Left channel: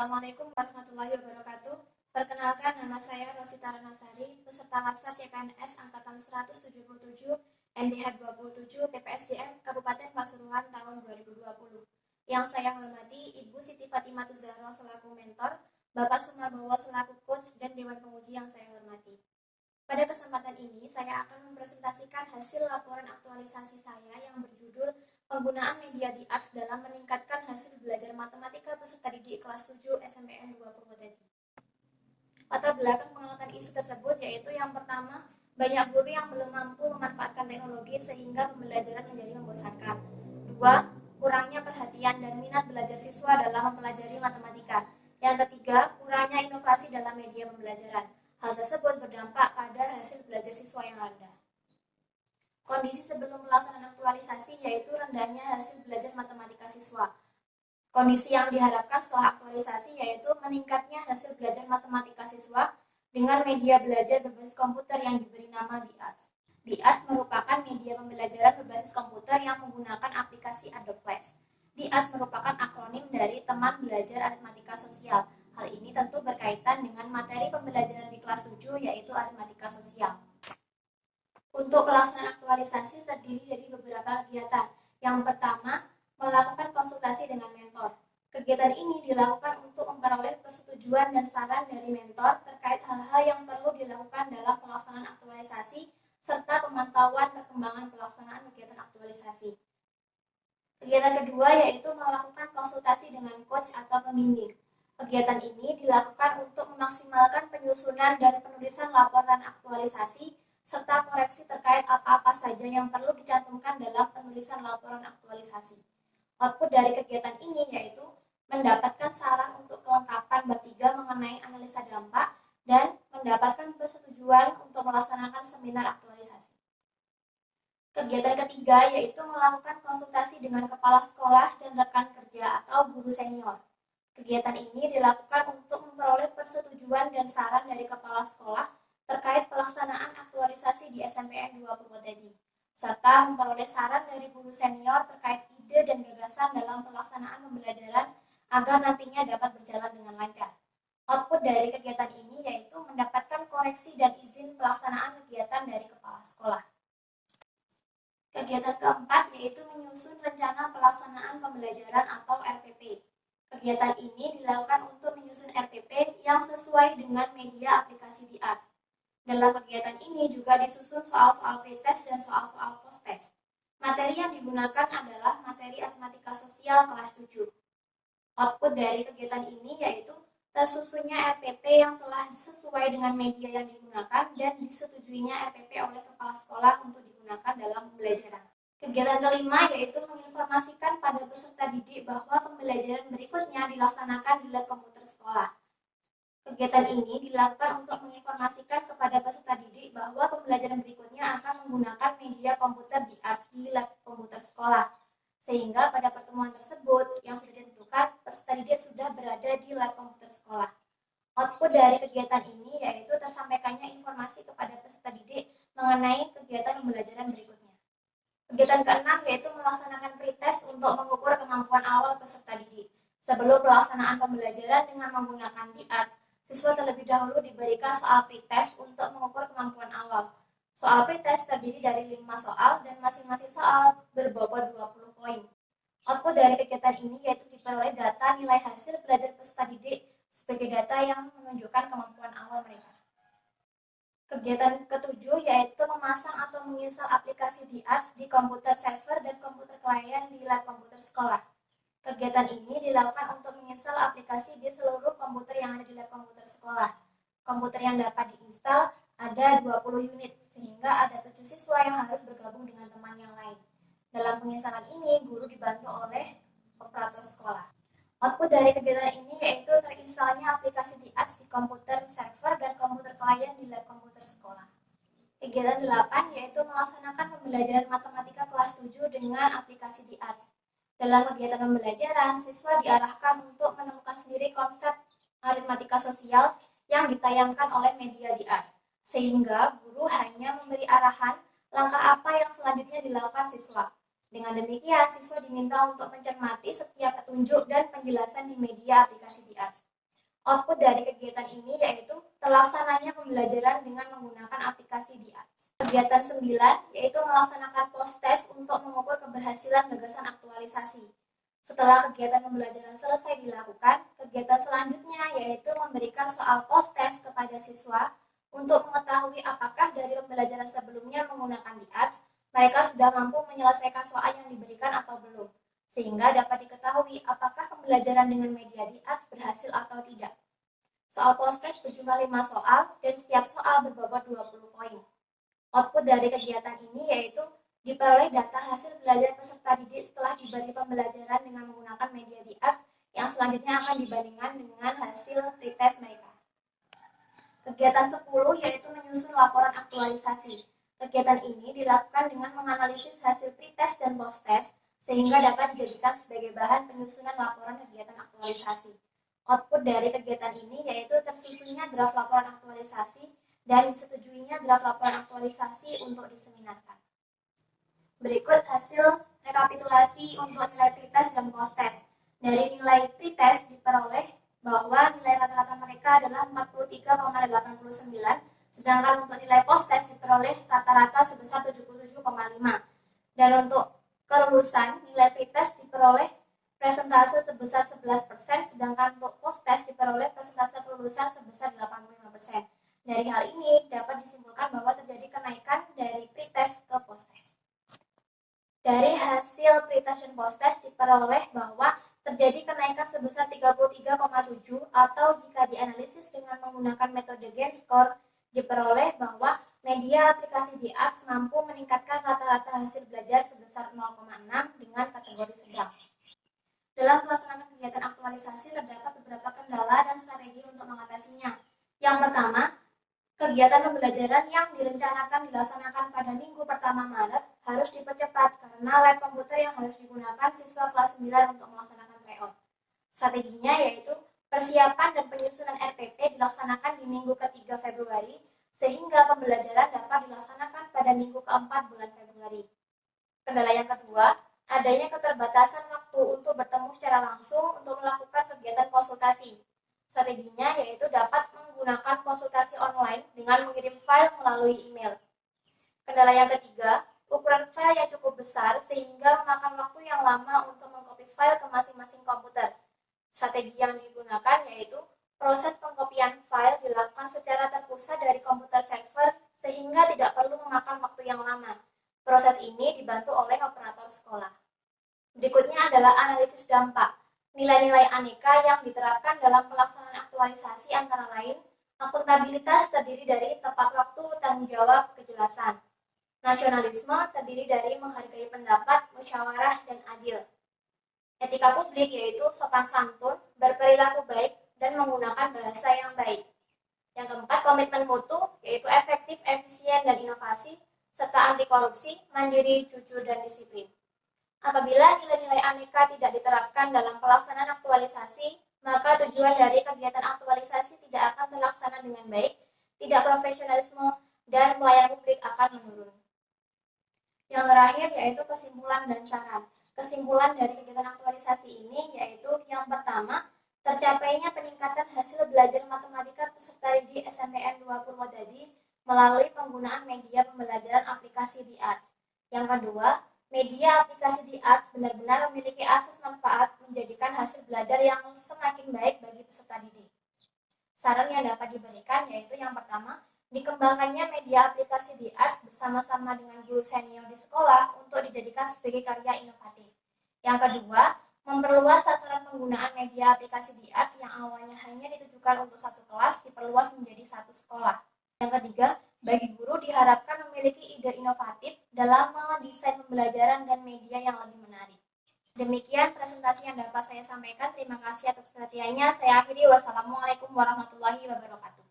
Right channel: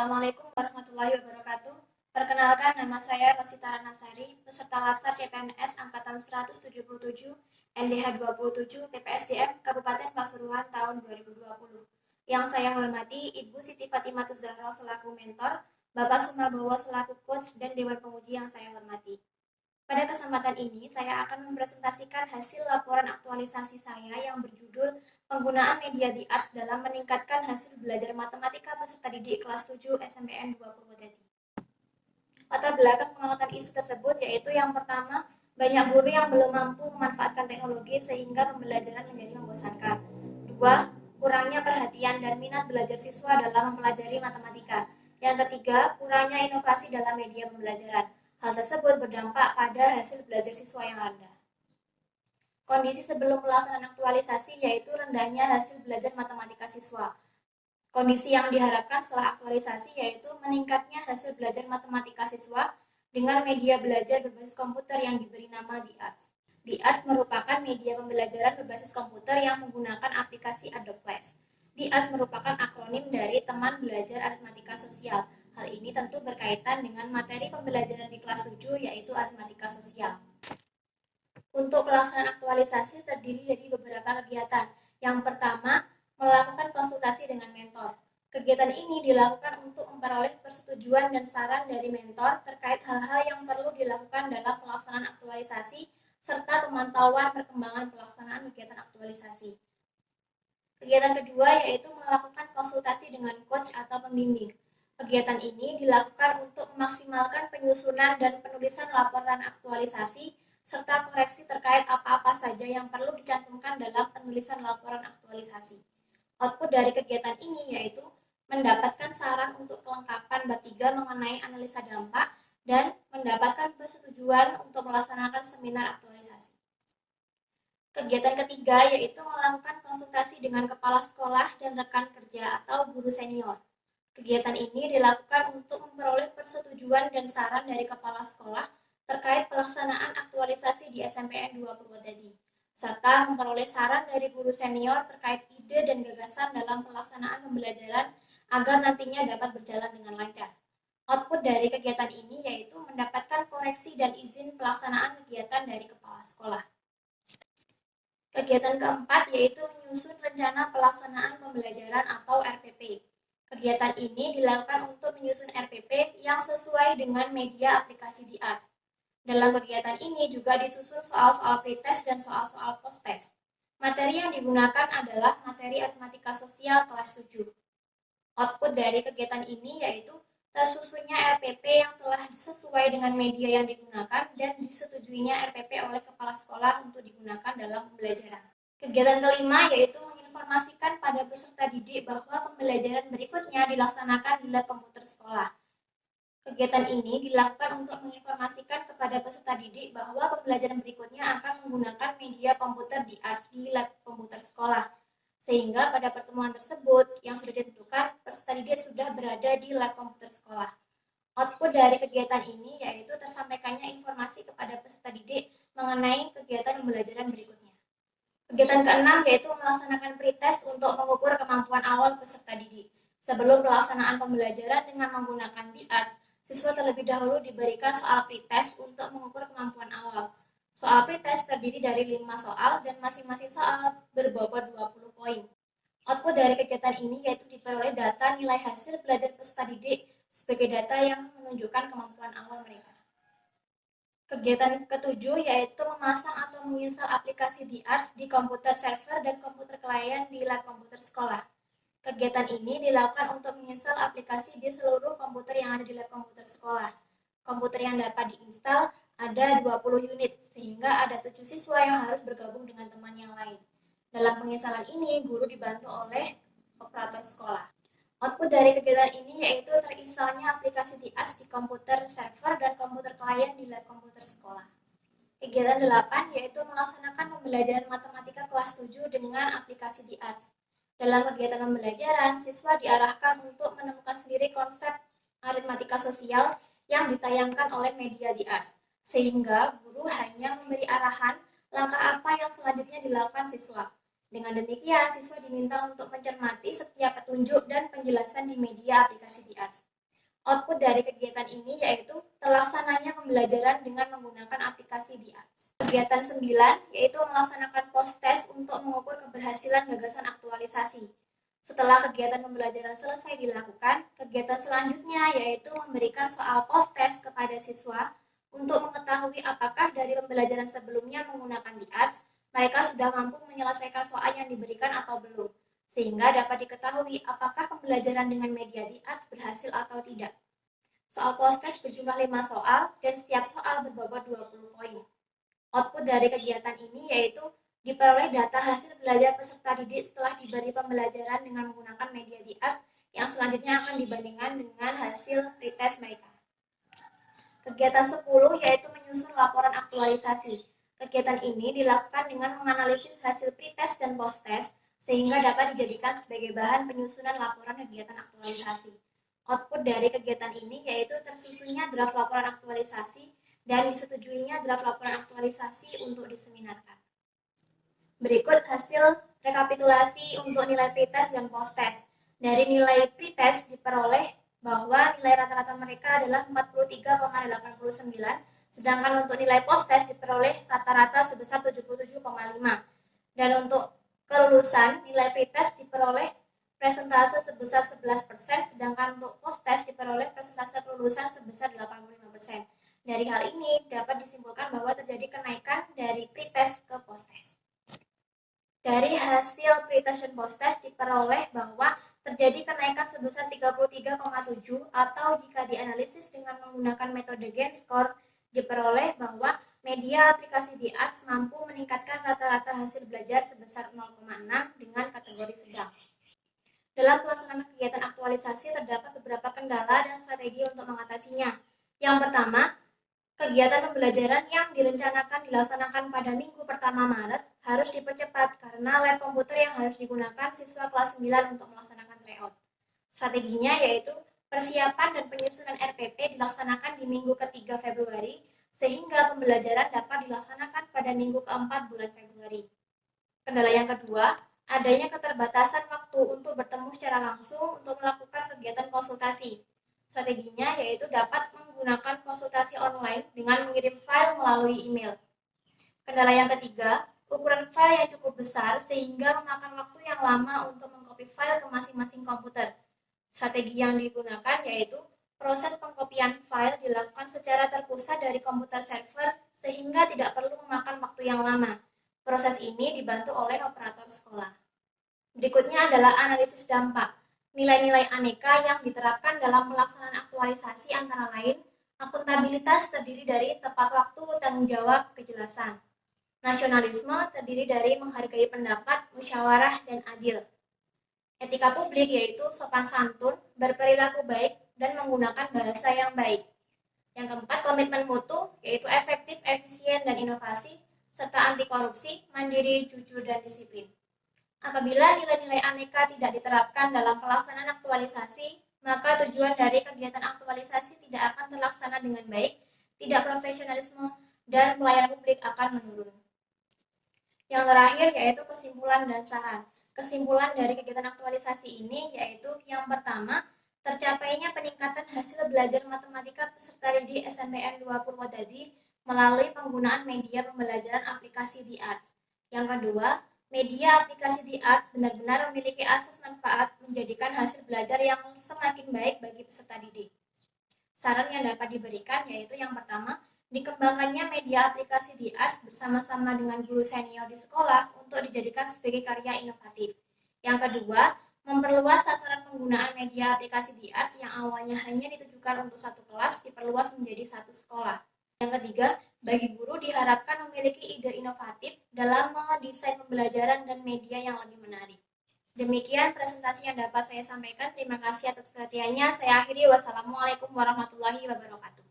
Assalamualaikum warahmatullahi wabarakatuh. Perkenalkan, nama saya Rosita Ranasari, peserta Laskar CPNS Angkatan 177, NDH 27, PPSDM Kabupaten Pasuruan tahun 2020. Yang saya hormati Ibu Siti Fatimah Zahra selaku mentor, Bapak Sumarbowo selaku coach, dan Dewan Penguji yang saya hormati. Pada kesempatan ini, saya akan mempresentasikan hasil laporan aktualisasi saya yang berjudul Penggunaan Media di Arts dalam Meningkatkan Hasil Belajar Matematika Peserta Didik Kelas 7 SMPN 2 Purwodadi. Latar belakang pengamatan isu tersebut yaitu yang pertama, banyak guru yang belum mampu memanfaatkan teknologi sehingga pembelajaran menjadi membosankan. Dua, kurangnya perhatian dan minat belajar siswa dalam mempelajari matematika. Yang ketiga, kurangnya inovasi dalam media pembelajaran. Hal tersebut berdampak pada hasil belajar siswa yang rendah. Kondisi sebelum pelaksanaan aktualisasi yaitu rendahnya hasil belajar matematika siswa. Kondisi yang diharapkan setelah aktualisasi yaitu meningkatnya hasil belajar matematika siswa dengan media belajar berbasis komputer yang diberi nama DiArts. DiArts merupakan media pembelajaran berbasis komputer yang menggunakan aplikasi Adobe Flash. DiArts merupakan akronim dari Teman Belajar Aritmatika Sosial. Hal ini tentu berkaitan dengan materi pembelajaran di kelas 7 yaitu aritmatika sosial. Untuk pelaksanaan aktualisasi terdiri dari beberapa kegiatan. Yang pertama, melakukan konsultasi dengan mentor. Kegiatan ini dilakukan untuk memperoleh persetujuan dan saran dari mentor terkait hal-hal yang perlu dilakukan dalam pelaksanaan aktualisasi serta pemantauan perkembangan pelaksanaan kegiatan aktualisasi. Kegiatan kedua yaitu melakukan konsultasi dengan coach atau pembimbing. Kegiatan ini dilakukan untuk memaksimalkan penyusunan dan penulisan laporan aktualisasi serta koreksi terkait apa-apa saja yang perlu dicantumkan dalam penulisan laporan aktualisasi. Output dari kegiatan ini yaitu mendapatkan saran untuk kelengkapan bab 3 mengenai analisa dampak dan mendapatkan persetujuan untuk melaksanakan seminar aktualisasi. Kegiatan ketiga yaitu melakukan konsultasi dengan kepala sekolah dan rekan kerja atau guru senior. Kegiatan ini dilakukan untuk memperoleh persetujuan dan saran dari kepala sekolah terkait pelaksanaan aktualisasi di SMPN 2 Purwodadi, serta memperoleh saran dari guru senior terkait ide dan gagasan dalam pelaksanaan pembelajaran agar nantinya dapat berjalan dengan lancar. Output dari kegiatan ini yaitu mendapatkan koreksi dan izin pelaksanaan kegiatan dari kepala sekolah. Kegiatan keempat yaitu menyusun rencana pelaksanaan pembelajaran atau RPP. Kegiatan ini dilakukan untuk menyusun RPP yang sesuai dengan media aplikasi DiArts. Dalam kegiatan ini juga disusun soal-soal pretest dan soal-soal post-test. Materi yang digunakan adalah materi aritmatika sosial kelas 7. Output dari kegiatan ini yaitu tersusunnya RPP yang telah sesuai dengan media yang digunakan dan disetujuinya RPP oleh kepala sekolah untuk digunakan dalam pembelajaran. Kegiatan kelima yaitu menginformasikan pada peserta didik bahwa pembelajaran berikutnya dilaksanakan di lab komputer sekolah. Kegiatan ini dilakukan untuk menginformasikan kepada peserta didik bahwa pembelajaran berikutnya akan menggunakan media komputer DiArts di lab komputer sekolah. Sehingga pada pertemuan tersebut yang sudah ditentukan, peserta didik sudah berada di lab komputer sekolah. Output dari kegiatan ini yaitu tersampaikannya informasi kepada peserta didik mengenai kegiatan pembelajaran berikutnya. Kegiatan keenam yaitu melaksanakan pretest untuk mengukur kemampuan awal peserta didik. Sebelum pelaksanaan pembelajaran dengan menggunakan DiArts, siswa terlebih dahulu diberikan soal pretest untuk mengukur kemampuan awal. Soal pretest terdiri dari 5 soal dan masing-masing soal berbobot 20 poin. Output dari kegiatan ini yaitu diperoleh data nilai hasil belajar peserta didik sebagai data yang menunjukkan kemampuan awal mereka. Kegiatan ketujuh yaitu memasang atau menginstal aplikasi DiArts di komputer server dan komputer klien di lab komputer sekolah. Kegiatan ini dilakukan untuk menginstal aplikasi di seluruh komputer yang ada di lab komputer sekolah. Komputer yang dapat diinstal ada 20 unit, sehingga ada 7 siswa yang harus bergabung dengan teman yang lain. Dalam penginstalan ini, guru dibantu oleh operator sekolah. Output dari kegiatan ini yaitu terinstalnya aplikasi DiArts di komputer server dan komputer klien di lab komputer sekolah. Kegiatan 8 yaitu melaksanakan pembelajaran matematika kelas 7 dengan aplikasi DiArts. Dalam kegiatan pembelajaran, siswa diarahkan untuk menemukan sendiri konsep aritmatika sosial yang ditayangkan oleh media DiArts, sehingga guru hanya memberi arahan langkah apa yang selanjutnya dilakukan siswa. Dengan demikian, siswa diminta untuk mencermati setiap petunjuk dan penjelasan di media aplikasi DiArts. Output dari kegiatan ini yaitu terlaksananya pembelajaran dengan menggunakan aplikasi di Arts. Kegiatan 9 yaitu melaksanakan post-test untuk mengukur keberhasilan gagasan aktualisasi. Setelah kegiatan pembelajaran selesai dilakukan, kegiatan selanjutnya yaitu memberikan soal post-test kepada siswa untuk mengetahui apakah dari pembelajaran sebelumnya menggunakan di Arts, mereka sudah mampu menyelesaikan soal yang diberikan atau belum, sehingga dapat diketahui apakah pembelajaran dengan media di Arts berhasil atau tidak. Soal post-test berjumlah 5 soal dan setiap soal berbobot 20 poin. Output dari kegiatan ini yaitu diperoleh data hasil belajar peserta didik setelah diberi pembelajaran dengan menggunakan media di Arts yang selanjutnya akan dibandingkan dengan hasil pretest mereka. Kegiatan 10 yaitu menyusun laporan aktualisasi. Kegiatan ini dilakukan dengan menganalisis hasil pretest dan post-test sehingga dapat dijadikan sebagai bahan penyusunan laporan kegiatan aktualisasi. Output dari kegiatan ini yaitu tersusunnya draft laporan aktualisasi dan disetujuinya draft laporan aktualisasi untuk diseminarkan. Berikut hasil rekapitulasi untuk nilai pretest dan post-test. Dari nilai pretest diperoleh bahwa nilai rata-rata mereka adalah 43,89, sedangkan untuk nilai post-test diperoleh rata-rata sebesar 77,5. Dan untuk kelulusan, nilai pretest diperoleh presentase sebesar 11%, sedangkan untuk post-test diperoleh presentase kelulusan sebesar 85%. Dari hal ini dapat disimpulkan bahwa terjadi kenaikan dari pretest ke post-test. Dari hasil pretest dan post-test diperoleh bahwa terjadi kenaikan sebesar 33,7 atau jika dianalisis dengan menggunakan metode Gain Score diperoleh bahwa media aplikasi di Arts mampu meningkatkan rata-rata hasil belajar sebesar 0,6 dengan kategori sedang. Dalam pelaksanaan kegiatan aktualisasi terdapat beberapa kendala dan strategi untuk mengatasinya. Yang pertama, kegiatan pembelajaran yang direncanakan dilaksanakan pada minggu pertama Maret harus dipercepat karena lab komputer yang harus digunakan siswa kelas 9 untuk melaksanakan tryout. Strateginya yaitu persiapan dan penyusunan RPP dilaksanakan di minggu ketiga Februari sehingga pembelajaran dapat dilaksanakan pada minggu keempat bulan Februari. Kendala yang kedua, adanya keterbatasan waktu untuk bertemu secara langsung untuk melakukan kegiatan konsultasi. Strateginya yaitu dapat menggunakan konsultasi online dengan mengirim file melalui email. Kendala yang ketiga, ukuran file yang cukup besar sehingga memakan waktu yang lama untuk mengcopy file ke masing-masing komputer. Strategi yang digunakan yaitu proses pengkopian file dilakukan secara terpusat dari komputer server sehingga tidak perlu memakan waktu yang lama. Proses ini dibantu oleh operator sekolah. Berikutnya adalah analisis dampak. Nilai-nilai aneka yang diterapkan dalam pelaksanaan aktualisasi antara lain, akuntabilitas terdiri dari tepat waktu, tanggung jawab, kejelasan. Nasionalisme terdiri dari menghargai pendapat, musyawarah, dan adil. Etika publik yaitu sopan santun, berperilaku baik, dan menggunakan bahasa yang baik. Yang keempat, komitmen mutu yaitu efektif, efisien, dan inovasi, serta anti korupsi, mandiri, jujur, dan disiplin. Apabila nilai-nilai aneka tidak diterapkan dalam pelaksanaan aktualisasi, maka tujuan dari kegiatan aktualisasi tidak akan terlaksana dengan baik, tidak profesionalisme, dan pelayanan publik akan menurun. Yang terakhir yaitu kesimpulan dan saran. Kesimpulan dari kegiatan aktualisasi ini yaitu yang pertama, tercapainya peningkatan hasil belajar matematika peserta didik SMPN 2 Purwodadi melalui penggunaan media pembelajaran aplikasi di Arts. Yang kedua, media aplikasi di Arts benar-benar memiliki asas manfaat menjadikan hasil belajar yang semakin baik bagi peserta didik. Saran yang dapat diberikan yaitu yang pertama, dikembangkannya media aplikasi di Arts bersama-sama dengan guru senior di sekolah untuk dijadikan sebagai karya inovatif. Yang kedua, memperluas sasaran penggunaan media aplikasi di Arts yang awalnya hanya ditujukan untuk satu kelas diperluas menjadi satu sekolah. Yang ketiga, bagi guru diharapkan memiliki ide inovatif dalam mendesain pembelajaran dan media yang lebih menarik. Demikian presentasi yang dapat saya sampaikan. Terima kasih atas perhatiannya. Saya akhiri. Wassalamualaikum warahmatullahi wabarakatuh.